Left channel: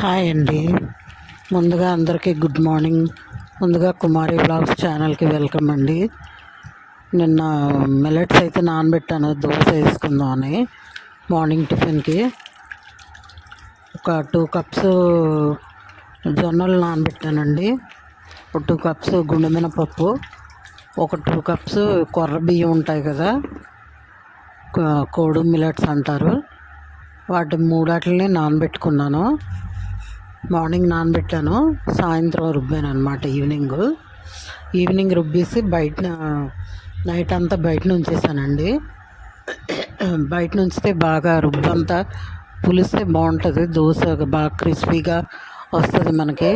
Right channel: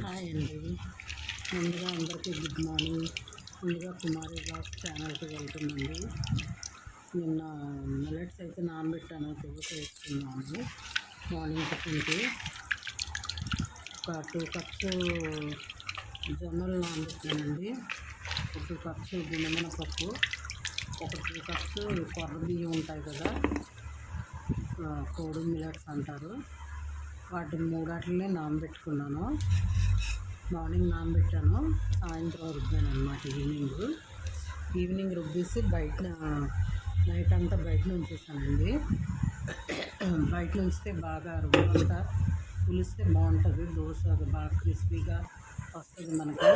Hi అండి. ముందుగా అందరికీ గుడ్ మార్నింగ్. ముందుగా కుమారి వ్లాగ్స్ ఛానల్కి వెల్కమ్ అండి. నిన్న మిల్లెట్స్ అయితే నానబెట్టాను దోశ వేసుకుందామని. మార్నింగ్ టిఫిన్కి ఒక 2 కప్స్ జొన్నలు నానబెట్టానండి. ఒక 2 కప్స్ గుండె మినపప్పు, ఒక 2 కప్స్ కొర్ర బియ్యం ఉంటాయి కదా, కోడు మిల్లెట్స్ అంటారు. వాటి మూడాటిని నానబెట్టుకున్నాను. మార్నింగ్ నానబెట్టాను, సాయంత్రం రుబ్బాను అనమాట. ఈవినింగ్ రుబ్బేసి నైట్ అంతా బయట ఉంచేసానండి. బయట ఉంచితే బాగా రుబ్బంతా పులిస్తే బాగుంటుంది. దోశ బాగా క్రిస్పీగా వస్తుంది. మనకి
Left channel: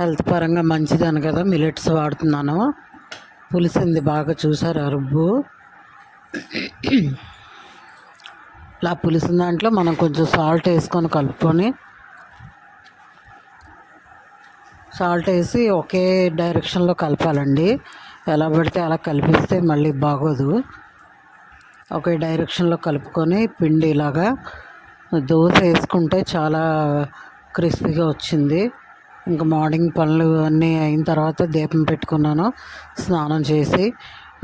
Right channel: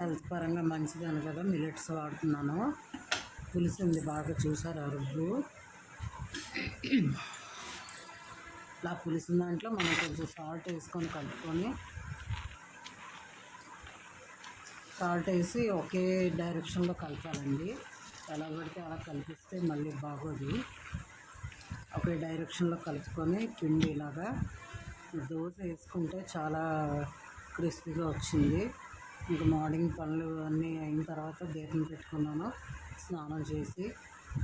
హెల్త్ పరంగా మంచిదని కదా మిల్లెట్స్ వాడుతున్నాను. పులిసింది బాగా, చూసారా రుబ్బు. ఇలా పులిసిన దాంట్లో మనం కొంచెం సాల్ట్ వేసుకొని కలుపుకొని, సాల్ట్ వేసి ఒకే డైరెక్షన్లో కలపాలండి. ఎలా పడితే అలా కలిపిస్తే మళ్ళీ బాగోదు. ఒకే డైరెక్షన్లో కలుపుకొని పిండి ఇలాగా దోశ వేసుకుంటే చాలా క్రిస్పీగా వచ్చింది. ఇంకా మార్నింగ్ పనులు అన్నీ అయిన తర్వాత దీపం పెట్టుకున్నాను. స్నానం చేసి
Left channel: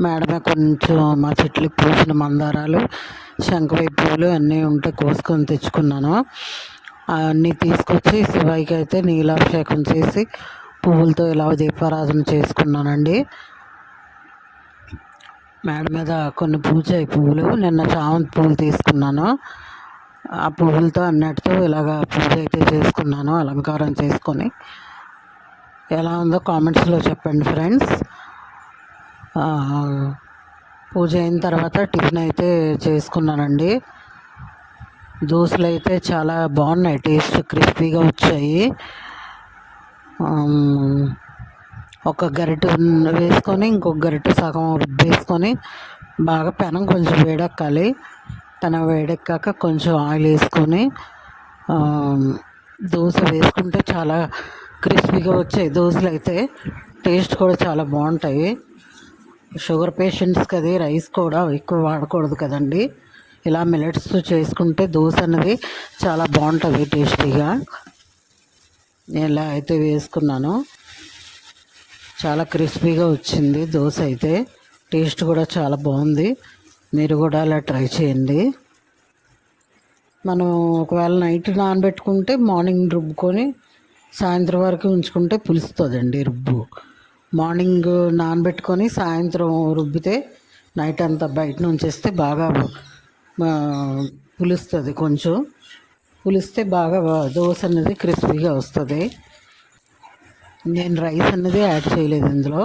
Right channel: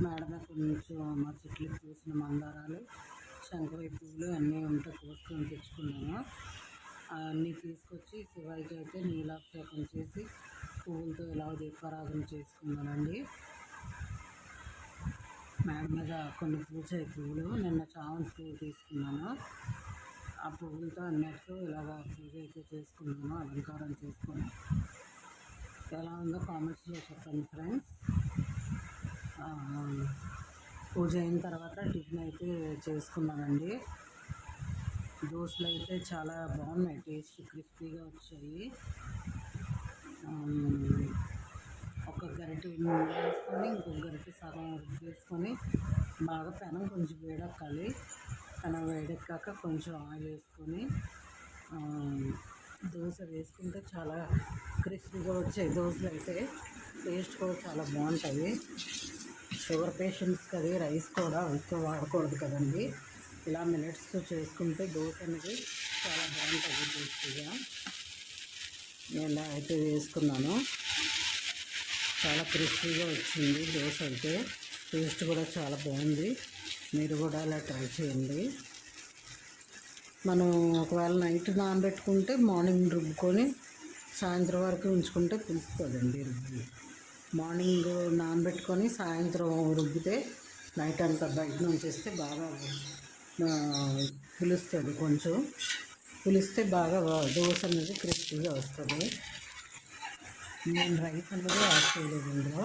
మేడమే కొంచెం మా చెట్లకు పూసిన మందారాలు, శంఖవై పూలు అన్నీ ఉంటే కోసుకొని తెచ్చుకున్నాను. అన్నీ తీసుకొచ్చి శివాయికి అయితే నీలాభిషేకం చేసి పువ్వులతో ఇలా దీపారాధన చేసుకున్నానండి. మేడ మీద కొన్ని పూజాయి పువ్వులు, నిన్న చామంతి పువ్వులు తీసుకున్నాను. ఆ పువ్వులతో అన్నిటితో ఇలాగా పూజ అయితే చేసుకున్నాను, అలంకారం చేసుకొని. ఎలా ఉందో కామెంట్స్లో చెప్పండి ఫ్రెండ్స్. పూజ అయిన తర్వాత టిఫిన్ అయితే చేసుకున్నానండి. దోశలు అయితే చాలా బాగున్నాయి, టేస్ట్ క్రిస్పీగా వచ్చాయి. ఒక గరిటె వేసుకొని ఇంకొక గరిటె సగం వేసుకొని బాగా పెనం కొంచెం వేడెక్కాలి. పెనం వేడెక్కాక కొంచెం ఆయిల్ వేసుకొని దోశ వేసుకుంటే చాలా క్రిస్పీగా వచ్చాయి దోశలు అయితే. టేస్ట్ కూడా చాలా బాగుంటాయి. షుగర్ పేషెంట్స్కి అది రైస్ కూడా ఎక్కువ వాడకూడదు కదండి. ఇలా మిల్లెట్స్తో చేసుకుంటే దోశ అనేది చాలా బాగుంటుంది టేస్టీగా. నేను ఇలా అయితే వేసుకున్నాను, చాలా క్రిస్పీగా వచ్చింది దోశ అయితే. టేస్ట్ కూడా చాలా బాగుంది. మీరు కూడా అలా ట్రై చేయండి. మనం ఒకవేళ నైట్ నానబెట్టుకుంటే మార్నింగ్ రుబ్బుకొని సాయంత్రం వరకు ఉంచుకుంటే పులుస్తుందండి రుబ్బు. మార్నింగ్ నానబెట్టుకొని సాయంత్రం రుబ్బితే నైట్ అంతా బయట ఉంచేస్తే బాగా పులుస్తుంది. కొంచెం పులిస్తే బాగా దోశ అనేది క్రిస్పీగా వస్తుంది. నేను రైస్ అనేది యాడ్ చేయలేదు ఇందులో.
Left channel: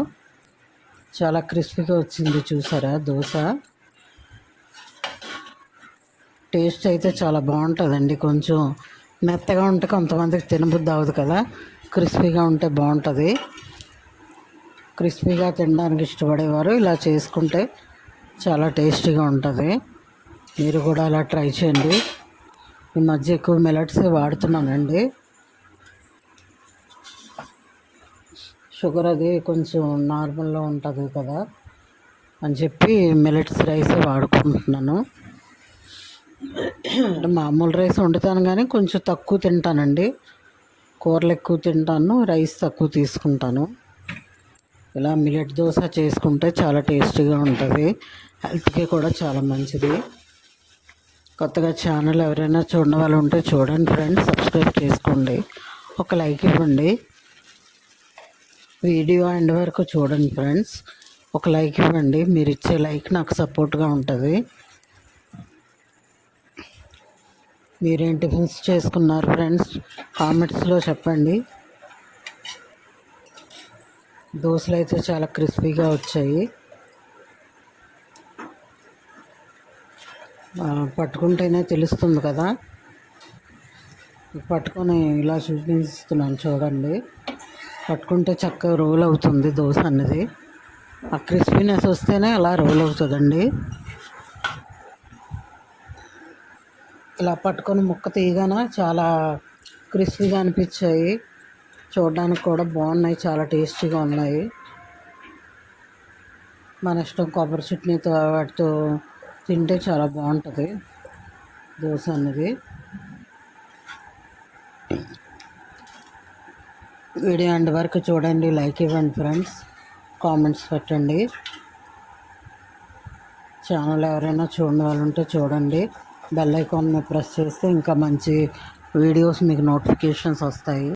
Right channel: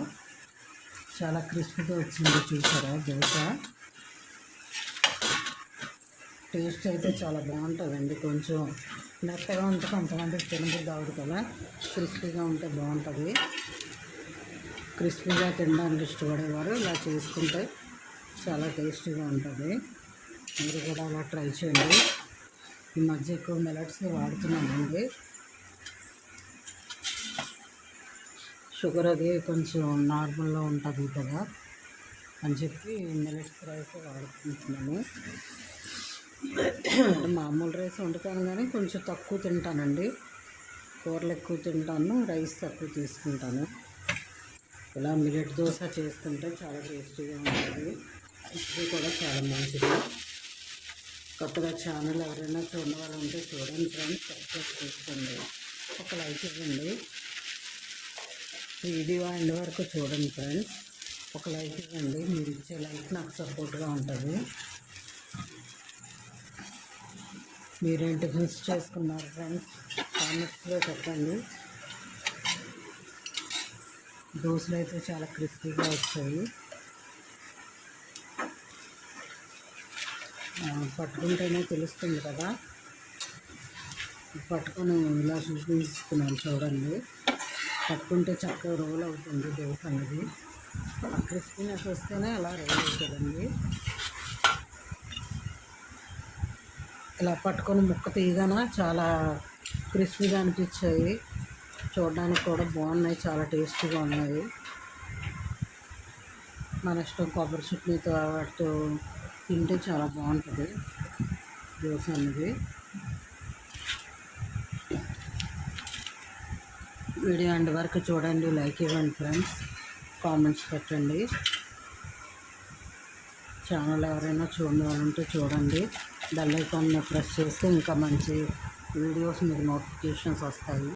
చాలా క్రిస్పీగా వచ్చింది, చూసారా దోశ. టేస్ట్ అయితే చాలా బాగుంటుందండి. కొంచెం మెత్తగా ఉంటే కొంతమందికి తినబుద్ధి అవ్వదు కదా, క్రిస్పీగా ఉంటే బాగుంటుంది. క్రిస్పీగా తినడానికి ఇష్టపడేవారు ఇలా చేసుకుంటే చాలా టేస్టీగా ఉంటుంది. మీరు కూడా అలా ట్రై చేయండి. ఈ మధ్య ఎక్కువ మిల్లెట్స్ వాడుతున్నానండి. షుగర్ అది కొంచెం నార్మల్లో ఉంటుంది కదా అని చెప్పి మిల్లెట్స్ రైస్ వాడుకుంటున్నాను. మామూలు రైస్ వండుతాను కానీ కొంచెం తక్కువ తింటానండి. కూరలు ఎక్కువ తింటాను, రైస్ తక్కువ తీసుకుంటాను. ఇలా మిల్లెట్ దోశ చేసుకుంటే చాలా టేస్టీగా ఉంటుంది, హెల్త్కి కూడా చాలా మంచిది. కొత్తగా ఛానల్ ఎవరైనా చూడని వాళ్ళు ఉంటే చూడండి ఫ్రెండ్స్, సబ్స్క్రైబ్ చేసుకోండి, ఒక లైక్ ఇవ్వండి. వీడియో ఎండ్ వరకు చూడండి ఫ్రెండ్స్, ఒక లైక్ ఇవ్వండి. మీరు ఇచ్చే లైక్ నాకు సపోర్ట్గా ఉంటుంది. మీరేం టిఫిన్స్ చేసుకున్నారు ఫ్రెండ్స్, కామెంట్స్లో చెప్పండి. దోశలు అయితే చాలా క్రిస్పీగా వచ్చాయి. పట్టుకుంటేనే తెలుస్తుంది కదా. పట్టుకొని ఇలా చూపిస్తున్నాను చూడండి. పట్టుకుంటే చక్కగా రోల్ అవుతుంది దోశ అనేది. ఆ క్రిస్పీనెస్ వస్తేనే అలా రోల్ అవుతుందండి. ఇలా పట్టుకొని ముక్క తీయగానే చాలా క్రిస్పీగా అనిపించాయి. చూడడానికి కూడా బాగున్నాయి, చాలా టేస్టీగా ఉన్నాయి. మన ఇష్టం, కొబ్బరి చట్నీతో వాటితో తింటే చాలా బాగుంటుంది దోశ అనేది. వీడియో ఎండ్ వరకు చూడండి, లైక్ ఇవ్వండి ఫ్రెండ్స్, కామెంట్స్ పెట్టండి. ఛానల్ ఎవరైనా చూడని వాళ్ళు ఉంటే చూడండి. బెల్ ఐకాన్ని ప్రెస్ చేస్తే ఇంకా మంచి వీడియోస్ మీకు నోటిఫికేషన్స్ వస్తాయి.